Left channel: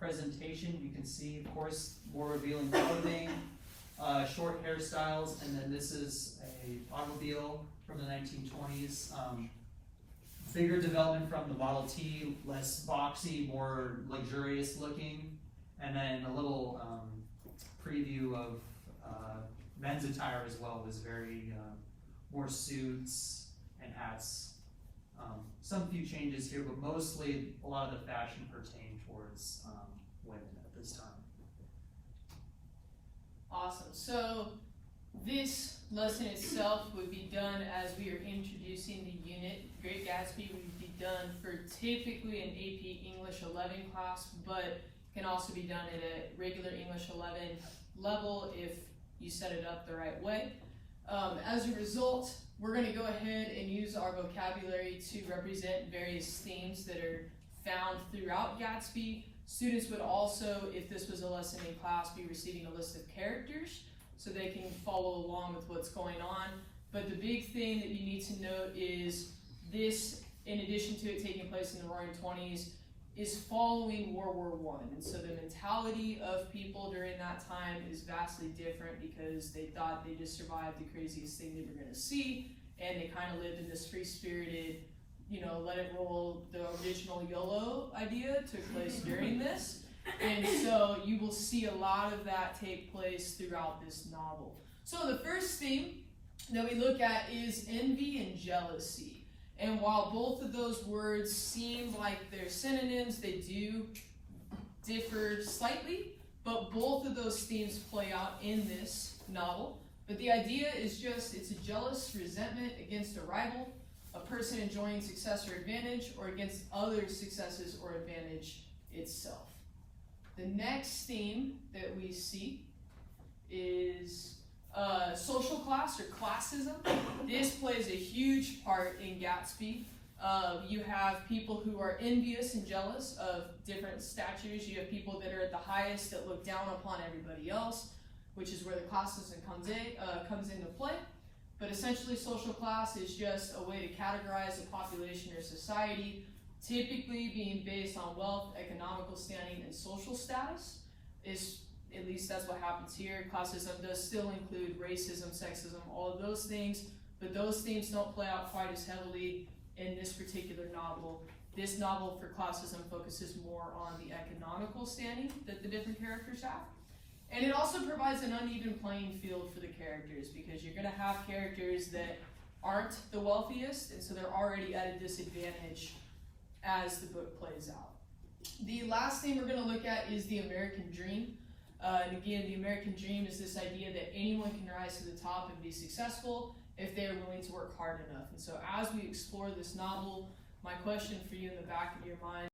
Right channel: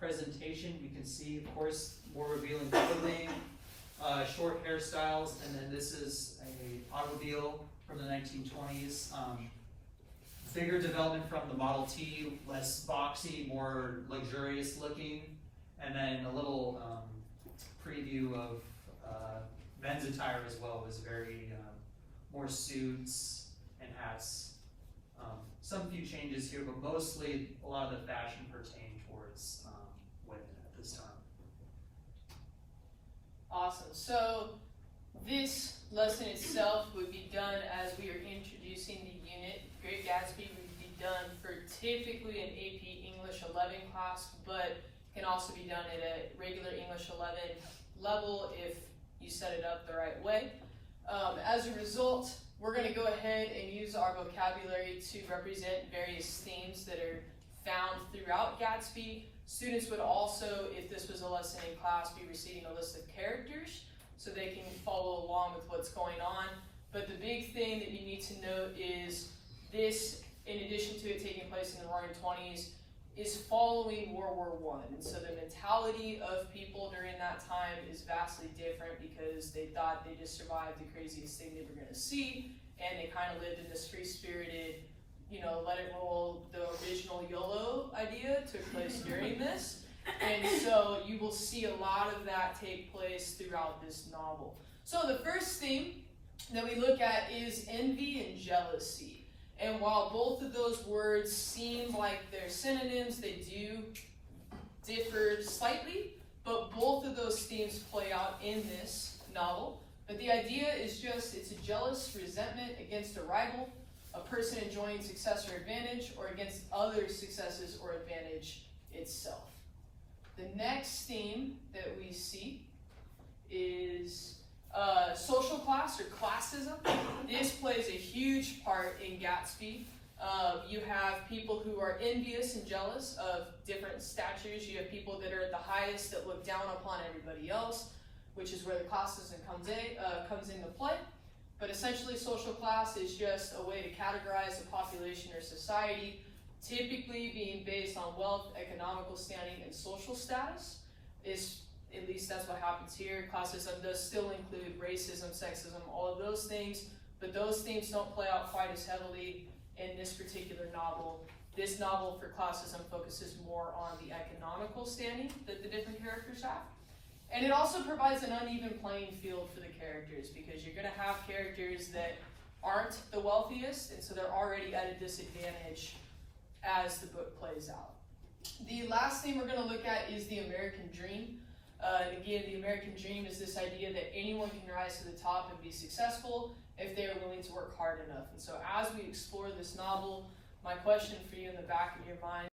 presentation. You can see, of course, more revealing clothing, short hairstyles, and then this is a automobile from the 1920s. Bigger development from the Model T, less boxy, more luxurious looking, and then a little preview of men's attire as well. Was very more suits and hats. Some few changes here, but mostly a lot of the fashion pertained towards women at this time. Awesome. So this lesson itself would be done as we are introducing the unit. Great Gatsby would be done for typically an AP English 11 class, but can also be done at a regular English 11 level if you set it up the right way. As a result, we're going to go ahead and use our vocabulary to represent various themes that are found throughout Gatsby. Students would also, if this was a lesson in class, be receiving a list of characters so they can follow along with what's going on. But the big thing that you need to note is this, in addition to it taking place in the Roaring '20s, is following World War I. And so the mentality of people during that time is vastly different because they thought they just survived the craziest thing they were going to see, and they kind of lived in this free-spirited, let it roll. The original YOLO idea took place during this. And so you will see a lot of that take place throughout this novel. So the first theme that we look at is envy and jealousy. And while both of those words seem like they're synonyms, they do differ slightly, but both of those themes play out in this novel. But the idea is just, it's a jealous resentment against a rival, a person enjoying success or advantage, or against other successes or advantage itself. The next theme that we see is social class or classism. This plays a huge part in Gatsby. You have people who are envious and jealous of different statures. You have people that are at the highest that look down upon everybody else, which is where the classism comes into play. But essentially, social class is just a way to categorize a population or society, typically being based on wealth, economical standing, and social status. At least that's what happens here. Classism does still include racism, sexism, all of those things, but those themes don't play out quite as heavily in this particular novel. This novel for classism focuses more on the economical standing that the different characters have. And it also provides an uneven playing field for the characters because you're going to have characters that aren't the wealthiest, and so they're already at a disadvantage as the book plays out. The last thing we're going to look at is the American dream. And again, the American dream is this idea that anyone can rise to the top and be successful if they are willing to work hard enough. And so as we explore this novel, my question for you in the back of your mind